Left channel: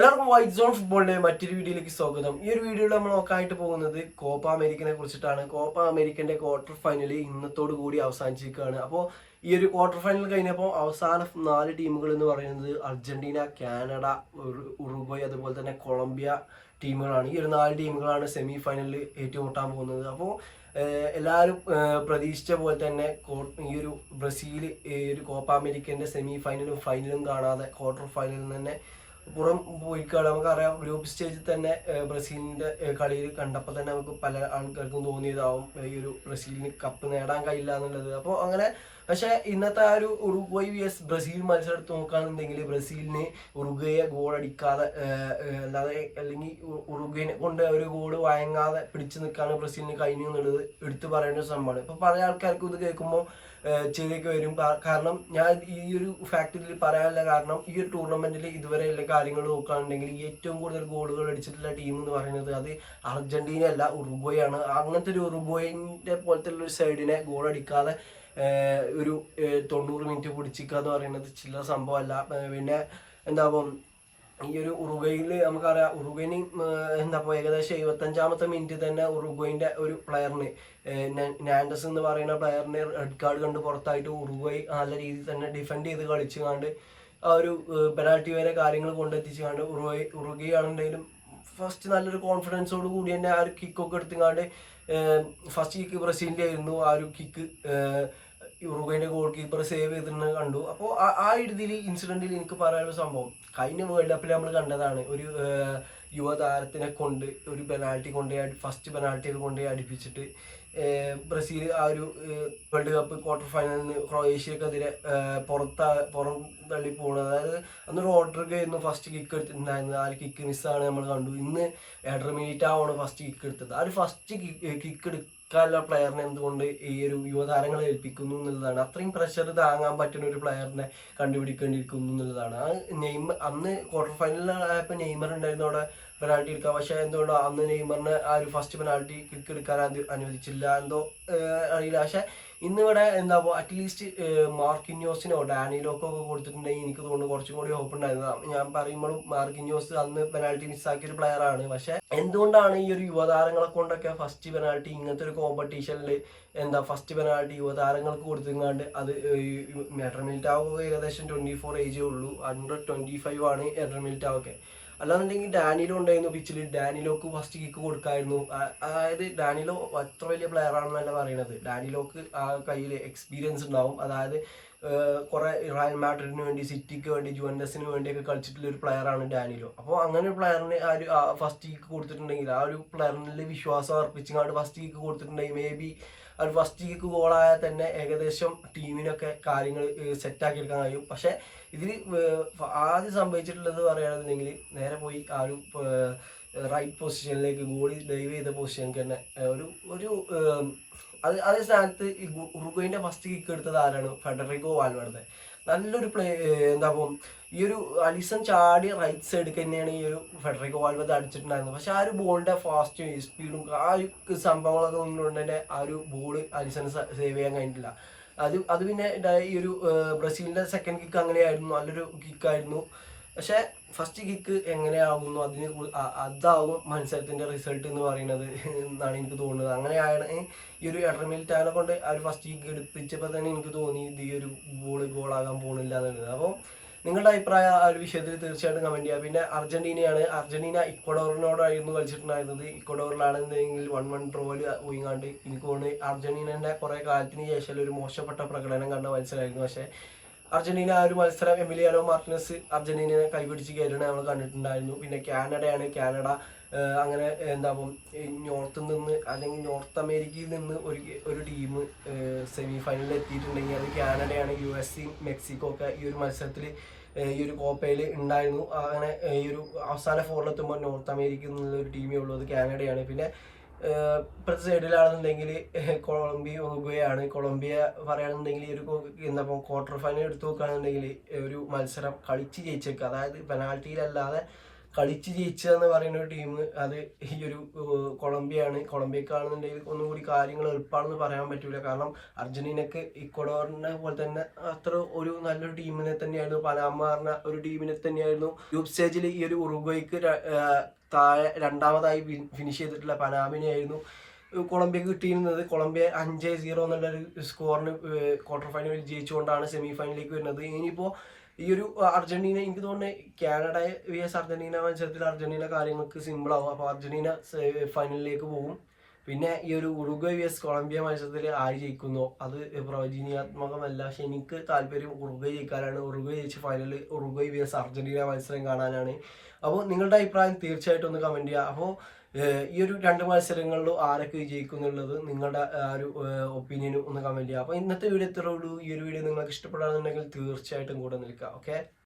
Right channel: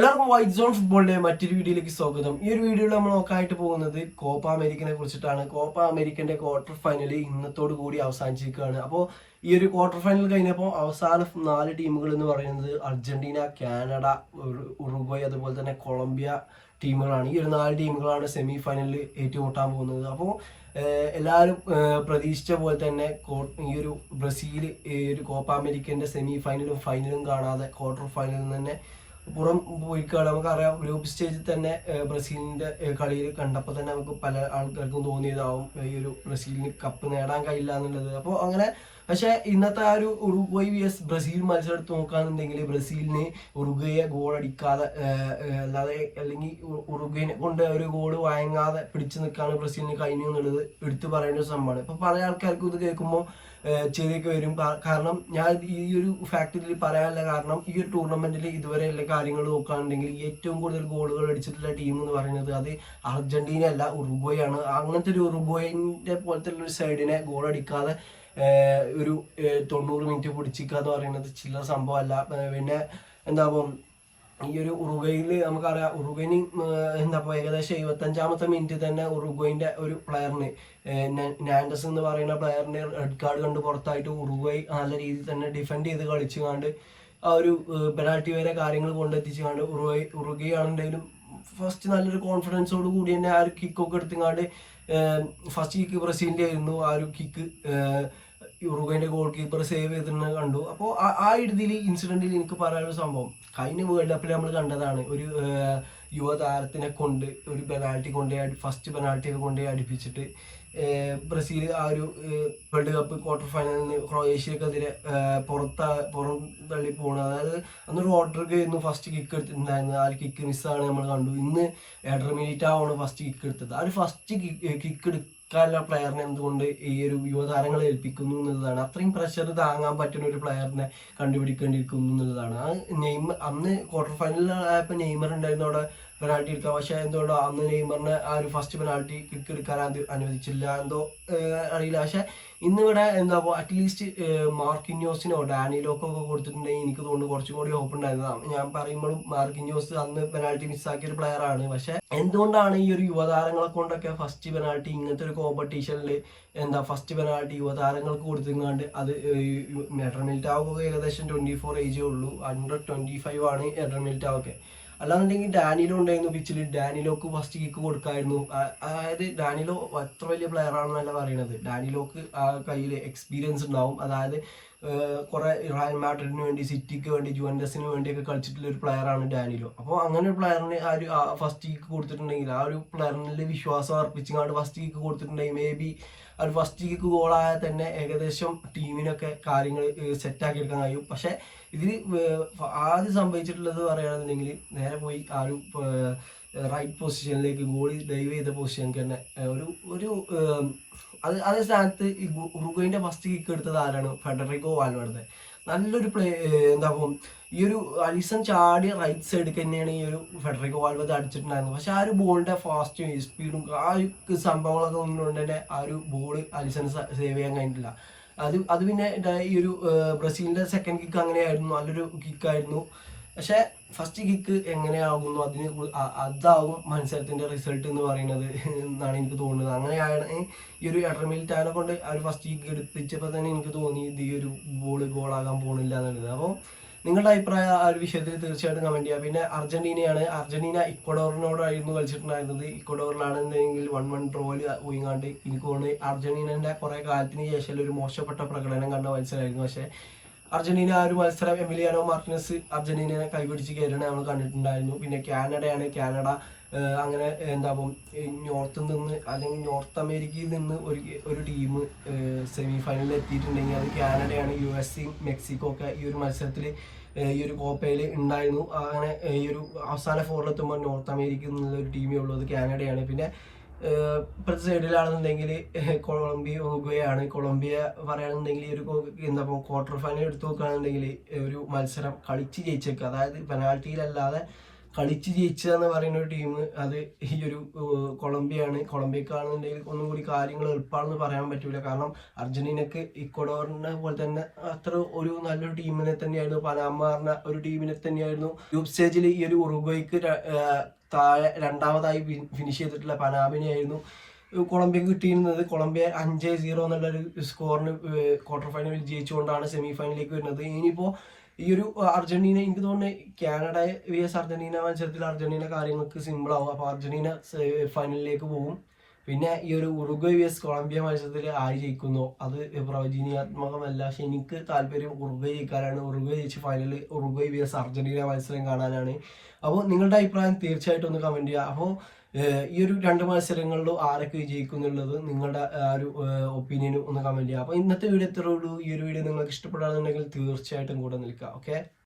എല്ലാവർക്കും white zone ഫുട്ബോളിന്റെ മറ്റൊരു വീഡിയോയിലേക്ക് സ്വാഗതം. ഈ ഒരു വീഡിയോയിൽ നമ്മൾ നോക്കാനായിട്ട് പോകുന്നത് കോപ്പ അമേരിക്കനെ കുറിച്ചിട്ടാണ്. കോപ്പ അമേരിക്കന്റെ ക്വാർട്ടർ ഫൈനൽ ഇന്നത്തോടു കൂടി അവസാനിച്ചിരിക്കുകയാണ്. അപ്പോൾ ഈ ഒരു ക്വാർട്ടർ ഫൈനൽ കഴിഞ്ഞപ്പോൾ അവസാന 4 ടീമുകൾ എന്ന് പറയുന്നത് അർജന്റീന, കാനഡ, ഉറുഗ്വേ അതുപോലെ തന്നെ കൊളംബിയ ടീമുകളാണ്. ഈ ഒരു 4 ടീമുകളാണ് സെമി ഫൈനലിൽ ഏറ്റുമുട്ടാൻ പോകുന്നത്. അപ്പോൾ എല്ലാവരും പ്രതീക്ഷിച്ച പോലെ തന്നെ ഈ ഒരു ബ്രസീൽ ഈ ഒരു കോപ്പ അമേരിക്കന്റെ സെമി ഫൈനലും ഫൈനലും കാണാതെ ക്വാർട്ടർ ഫൈനലിൽ നിന്ന് പുറം പോയിക്കാണ്. നമുക്കറിയാം, ഗ്രൂപ്പ് സ്റ്റേജിൽ തന്നെ ബ്രസീലിന്റെ കളിയിൽ കണ്ടപ്പോൾ തന്നെ നമുക്ക് പല ആൾക്കാർക്കും തോന്നിയതാവും ഈ ഒരു ബ്രസീലിന് കപ്പ് നേടാൻ കഴിയില്ല എന്നുള്ളത്. അപ്പോൾ അങ്ങനെ പക്ഷെ ഇന്നത്തെ ആ ഒരു ഉറുഗ്വേ വിഎസ് ബ്രസീൽ മത്സരം എടുത്ത് നോക്കുകയാണെന്നുണ്ടെങ്കിൽ ബ്രസീലിന് ഉറുഗ്വയെ ഗോൾ അടിക്കാതെ അല്ലാതെ അല്ലെങ്കിൽ ഉറുഗ്വേനെ കൊണ്ട് ഒരു ഗോൾ വഴങ്ങാതെ പിടിച്ചു നിൽക്കാണ് ബ്രസീലിന് കഴിഞ്ഞു എന്നുള്ളത് എടുത്തു പറയേണ്ട ഒരു സംഭവമാണ്. ഇപ്പൊ പല ആൾക്കാർക്കും ഇത് കേൾക്കുമ്പോൾ ചെറിയൊക്കെ വരും. കാരണം ഞാൻ ഈ ഒരു ഫാക്ടറിയിൽ പറയാനുള്ള കാരണം ഈ ഒരു ടൂർണമെന്റിൽ ഇതുവരെ എല്ലാ കാര്യങ്ങൾ നോക്കുകയാണെന്നുണ്ടെങ്കിൽ ഏറ്റവും കൂടുതൽ ഗോളുകൾ അടിച്ചിട്ടുള്ള ടീം എന്ന് പറയുന്നത് അത് അർജന്റീന അല്ല, ഉറുഗ്വേ ആണ്. അങ്ങനത്തെ ഒരു ഉറുഗ്വേന്റെ പോലത്തെ ഒരു സൈഡിനെ ഗോൾ അടിക്കാതെ ഒരു 90 മിനിറ്റ് പിടിച്ചിക്കുക എന്ന് പറയുന്നത് ചില സംഭവമല്ല. പിന്നെ എന്താകും ഈ ഒരു ഉറുഗ്വേയിൽ നമുക്കറിയാം, ഉറുഗ്വേന് ഏകദേശം 75ാമത്തെ മിനിറ്റ് തന്നെ ഉറുഗ്വേന്റെ ഒരു പ്ലെയറിന് നാൻഡസ് എന്ന് പറയുന്ന പ്ലെയറിന് റെഡ് കാർഡ് കണ്ട് പുറത്തായിട്ട് ഉറുഗ്വേ നല്ല രീതിയിൽ തന്നെ ഡിഫെൻഡ് ചെയ്ത് കളിച്ചുകൊണ്ട് ആ ഒരു പെനാൽറ്റി വരെ കാര്യങ്ങൾ കൊണ്ടെത്തിച്ചുകൊണ്ട് ഉറുഗ്വേ ആണെങ്കിലും ഫസ്റ്റ് നല്ലൊരു കോൺഫിഡൻസോട് കൂടി തന്നെ ആ ഒരു കിക്കൊക്കെ എടുത്തുകൊണ്ട് ഫസ്റ്റ് കിക്ക് ബ്രസീലിന്റെ ആയിരുന്നു. ആ ഒരു കിക്ക് ഉറുഗ്വേന്റെ ഗോൾ കീപ്പർ സേവ് ചെയ്തിരുന്ന കണ്ടു. അപ്പോൾ ആ രീതിയിൽ ഇൻസിഡന്റിൽ എനിക്ക് പറയാനുള്ള സംഭവം കഴിഞ്ഞ വേൾഡ് കപ്പിൽ നമ്മൾ കണ്ടതാണ്. ഒരു യുവതാരത്തിനെ കൊണ്ട് ഒരു പെനാൽറ്റി ഫസ്റ്റ് പെനാൽറ്റി കൊണ്ട് അടുപ്പിച്ചിട്ട് ബ്രസീൽ ആ ഒരു വേൾഡ് കപ്പ് ക്വാർട്ടർ ഫൈനലിന് ക്രൊയേഷ്യക്കെതിരെ പുറം തള്ളി പോകുന്നത്. അതായത് അന്ന് റോഡ്രിഗോ ആയിരുന്നു ഫസ്റ്റ് കിക്ക് എടുത്തിട്ടുണ്ടായിരുന്നത്. ആ ഒരു കിക്ക് മിസ്സാണ് നമ്മൾ കണ്ടു. ഇന്ന് എഡർ മിലിറ്റാണ് ഫസ്റ്റ് കിക്ക് എടുത്തത്. ആ ഒരു ഫസ്റ്റ് കിക്ക് എടുക്കാനുള്ള പ്ലെയറിനെ എന്തുകൊണ്ട് ഈ ഒരു യുവതാരങ്ങളെ ഏൽപ്പിക്കുന്നു എന്നുള്ളതാണ്. അത്രയും പ്രഷർ താങ്ങാൻ പറ്റുന്ന ഒരു പ്ലെയറിനെ കണ്ടുപിടിക്കേണ്ടിയിരിക്കുന്നു എന്നുള്ളതാണ്. അന്ന് ക്വാർട്ടർ ഫൈനലിലായപ്പോൾ നെയ്മർ ഉണ്ടായിരുന്നു അവിടെ പെനാൽറ്റി എടുക്കാം. പക്ഷെ എന്തുകൊണ്ടോ അന്ന് നെയ്മറിന് ആ ഒരു ഫസ്റ്റ് പെനാൽറ്റി കിക്ക് എടുക്കാൻ അനുവദിച്ചില്ല, എന്തോ അറിയില്ല. പക്ഷെ ഇന്നിവിടെ അറ്റ്ലീസ്റ്റ് മാർക്കിന്യോസിനോ ഡാനിലോക്കോ ഒക്കെ കൊടുത്തിട്ടുണ്ടെങ്കിൽ എനിക്ക് തോന്നുന്നു കുറച്ചും കൂടി ഹോപ്പ് ഉണ്ടായിരുന്നു. ഞാൻ പറയുമ്പോഴും മാർക്കിന്യോസ് അന്ന് പെനാൽറ്റി മിസ്സാക്കിയ ഒരു പ്ലെയർ ആണ്. പക്ഷെ എന്തുകൊണ്ടാണ് ഈ ഒരു യുവതാരങ്ങളെ കൊണ്ടൊക്കെ ഫസ്റ്റ് പെനാൽറ്റി ഇങ്ങനത്തെ ഒരു കോമ്പറ്റീഷനിൽ ഫസ്റ്റ് പെനാൽറ്റി യുവതാരങ്ങൾക്ക് കൊടുത്തിങ്ങാണ്ട് അത് എഡർ മിലിറ്റാവോ ഏകദേശം 24 ഏജേ ഉള്ളൂ, അണ്ടർ 25 ആണ് എഡർ മിലിറ്റാവൊക്കെ. അല്ലാന്നുണ്ടെങ്കിൽ ഡാനിലോ ഉണ്ടായിരുന്നു പിച്ചിൽ, ഡാനിലോക്ക് ഫസ്റ്റ് കിക്ക് കൊടുക്കായിരുന്നു. അതായത് ഡാനിലോ അത്ര വലിയ പ്ലെയർ ആണെന്നല്ല പറയുന്നത്, ഡാനിലോക്ക് ആ കയ്യിൽ എക്സ്പീരിയൻസ് ഉണ്ടാവും. അതായത് കുറെ റയൽ മാഡ്രിഡിന് വേണ്ടി, സിറ്റിക്ക് വേണ്ടി, ജുവന്റസിന് വേണ്ടിയൊക്കെ കളിച്ചിട്ടുള്ള ഒരു പ്ലെയർ ആണ് ഡാനിലോ. അപ്പോൾ അങ്ങനെ ഒരു പ്ലെയറിന് ആ ഒരു ഫസ്റ്റ് കിക്ക് കൊടുത്തിട്ടുണ്ടെങ്കിൽ ആ ഒരു പ്ലെയറിന് വിശ്വാസം അർപ്പിച്ചുകൊണ്ട് ഫസ്റ്റ് കിക്ക് കൊടുത്തിട്ടുണ്ടെങ്കിൽ മേ ബി ആ ഒരു ഫസ്റ്റ് കിക്ക് ഗോളായാൽ തന്നെ ഏകദേശം ടീമിനൊക്കെ കാര്യങ്ങൾ സെറ്റാക്കി എടുക്കാൻ കഴിയും. പക്ഷെ ഇതിൽ ആദ്യം സംഭവിച്ചിട്ടുള്ളത് പറയുകയാണെന്നുണ്ടെങ്കിൽ നേരെ പോയി ആ ഒരു റൈറ്റ് പൊസിഷനിലേക്ക് ഗോളി ഡൈവ് ചെയ്ത പൊസിഷനിലേക്ക് തന്നെ ഒരു അതേ സ്ഥാനത്ത് ഈ ഉറുഗ്വേന്റെ ഫസ്റ്റ് കിക്ക് എടുത്തത് ആരാണ്? ഫെഡറിക്കോ വാൽവേർഡെ. നല്ലൊരു ഈ ഒരു അലിസൺ ചാടി റൈറ്റ് സൈഡിൽ തന്നെയാണ് ഈ ഒരു ഫെഡറിക്കോ വാൽവേർഡെ അടിച്ചിട്ടുണ്ടായിരുന്നത്. പക്ഷെ ആ ഒരു ബോളിന്റെ ഫാസ്റ്റും സ്പീഡും ആ ഒരു സംഭവങ്ങളൊക്കെ ഒന്നുകൊണ്ട് തന്നെ ആ ഒരു ബോള് അലിസണ് സേവ് ചെയ്യാൻ കഴിഞ്ഞിട്ടില്ല. അത് പിന്നെ ഈ ഒരു ബ്രസീലിന്റെ സെക്കൻഡ് കിക്ക് അങ്ങനെയായിരുന്നു, നല്ലൊരു കിക്കായിരുന്നു. പക്ഷെ ഫസ്റ്റ് കിക്ക് എങ്ങനെയാകുന്നു അതാവും മത്സരത്തിന്റെ റിസൾട്ട് എന്ന് പറയുന്നത് എന്നാണ് എനിക്ക് തോന്നുന്നത്. അങ്ങനെയാണ് ഈ ഒരു എഡർ മിലിറ്റാനെ കൊണ്ട് ആ ഒരു ഫസ്റ്റ് കിക്ക് എടുപ്പിച്ചപ്പോൾ തന്നെ എനിക്ക് തോന്നി ഇത് ഈ ഒരു ഗോളാകാൻ പോകുന്നില്ല എന്നുള്ളത്. അപ്പോൾ നിങ്ങളുടെ അഭിപ്രായം ആ ഒരു വിഷയത്തിൽ തീർച്ചയായിട്ടും കമന്റ് ചെയ്യുക. പിന്നെ അർജന്റീന ഇക്വഡോറിനോടായിരുന്നു കളിച്ചിട്ടുണ്ടായിരുന്നത്. ഇക്വഡോറിലാണെന്നുണ്ടെങ്കിൽ 1-1 ഡ്രോയിൽ പോയിങ്ങാണ്ട് എനിക്ക് തോന്നുന്നു അർജന്റീനന്റെ കുറെ കാലത്തിന് ശേഷം ഒരു മോശപ്പെട്ട പ്രകടനം കണ്ട മത്സരമായിരുന്നു. പക്ഷെ അർജന്റീന ആ ഒരു മത്സരം എമിലിയാനോ മാർട്ടിനസ് അർജന്റീനയെ കൈപിടിച്ച് കയറണ നമ്മൾ കണ്ടിട്ടുണ്ടായിരുന്നു. പിന്നെ കാനഡ അങ്ങനെ നോർത്തിൽ നിന്ന് അല്ലെങ്കിൽ നോർത്ത് അമേരിക്കയിൽ നിന്ന് ഒരു ടീം സെമി ഫൈനലിൽ എത്തിയിട്ടുണ്ടെങ്കിൽ അത് കാനഡയാണ്. USA, മെക്സിക്കോ ഒക്കെ ഈ ഒരു മത്സരത്തിൽ ഈ ഒരു കോപ്പയിൽ ഉണ്ടായിരുന്നു. അങ്ങനെ ഈ ഒരു അവസാന ഫോറിലെത്തുമ്പോൾ നോർത്ത് അമേരിക്കയിൽ നിന്നുള്ള ഒരു ടീമേ ഉള്ളൂ, അത് കാനഡയാണ്. പിന്നെ ഇപ്പോഴത്തെ സൈഡിലാണെന്നുണ്ടെങ്കിൽ ഉറുഗ്വേ ആണ്. കൊളംബിയ പറയുകയാണെന്നുണ്ടെങ്കിൽ ഈ ഒരു ക്വാർട്ടർ ഫൈനൽ എടുത്തു നോക്കുകയാണെന്നുണ്ടെങ്കിൽ ഒരു മത്സരം കളിച്ച് ജയിച്ചേക്കുക, അതായത് പെനാൽറ്റിയിലല്ലാതെ കളിച്ച് ജയിച്ചതെന്ന് പറയുന്ന ഒരു ടീം അത് ഈ ഒരു കൊളംബിയയാണ്. കൊളംബിയക്കാണെന്നുണ്ടെങ്കിൽ ഒന്നും കൂടി കാര്യങ്ങൾ എളുപ്പമാണെന്ന് പറയാൻ പറ്റൂല. കാരണം അർജന്റീനക്ക് ഇക്വഡോറിനെ പോലെ തന്നെ അത്ര ഒരു നല്ലൊരു ടീമിനെ തന്നെയായിരുന്നു, പനാമ പറഞ്ഞ ഒരു ടീമിനെ തന്നെയായിരുന്നു ഗ്രൂപ്പ് സ്റ്റേജിൽ ഈ ഒരു ഉറുഗ്വേക്ക് താഴെ രണ്ടാമതായി ഫിനിഷ് ചെയ്തിട്ടുള്ള പനാമിനെയായിരുന്നു കൊളംബിയക്ക് കിട്ടിയിരുന്നത്. കൊളംബിയ 5-0 എന്നുള്ളൊരു സ്കോറിന് ക്വാർട്ടർ ഫൈനലിൽ ജയിച്ചുകൊണ്ടാണ് സെമി ഫൈനലിലേക്ക് വരുന്നത്. ഇനിയിപ്പോൾ ഈ ഒരു അർജന്റീന, എനിക്ക് തോന്നുന്നത് കാനഡ vs അർജന്റീന മത്സരത്തിൽ അർജന്റീന കാര്യങ്ങൾക്ക് സിമ്പിൾ ആവും. അപ്പോൾ അർജന്റീന ഫൈനലിലേക്ക് പോകും. പിന്നെ ഈ ഒരു ഉറുഗ്വേ vs കൊളംബിയ മത്സരത്തിൽ ആര് ജയിക്കുന്നോ അത് പ്രവചനീയാത്മകമല്ല. പക്ഷെ എനിക്ക് താല്പര്യം ഉറുഗ്വേ ജയിക്കാനാണ്. ഉറുഗ്വേ ജയിച്ച് ഫൈനലിൽ ഉറുഗ്വേ vs അർജന്റീന മത്സരം കാണാനാണ്. അപ്പോൾ നിങ്ങളുടെ അഭിപ്രായം തീർച്ചയായിട്ടും ഒന്ന് കമന്റ് ചെയ്യുക. അപ്പോൾ ഈ ഒരു 2 മത്സരങ്ങളിലും ആരൊക്കെ വിജയിക്കും എന്നുള്ളത് നിങ്ങളുടെ ഒരു ഒപ്പീനിയനും ഒന്ന് കമന്റ് ചെയ്യുക. അപ്പോൾ ഇന്നത്തെ വീഡിയോ ഇത്രേ ഉള്ളൂ. ഈ ഒരു വീഡിയോ നിങ്ങൾക്ക് ഇഷ്ടപ്പെടുകയാണെന്നുണ്ടെങ്കിൽ തീർച്ചയായിട്ടും കൂടെ നിൽക്കുക. ഓക്കെ.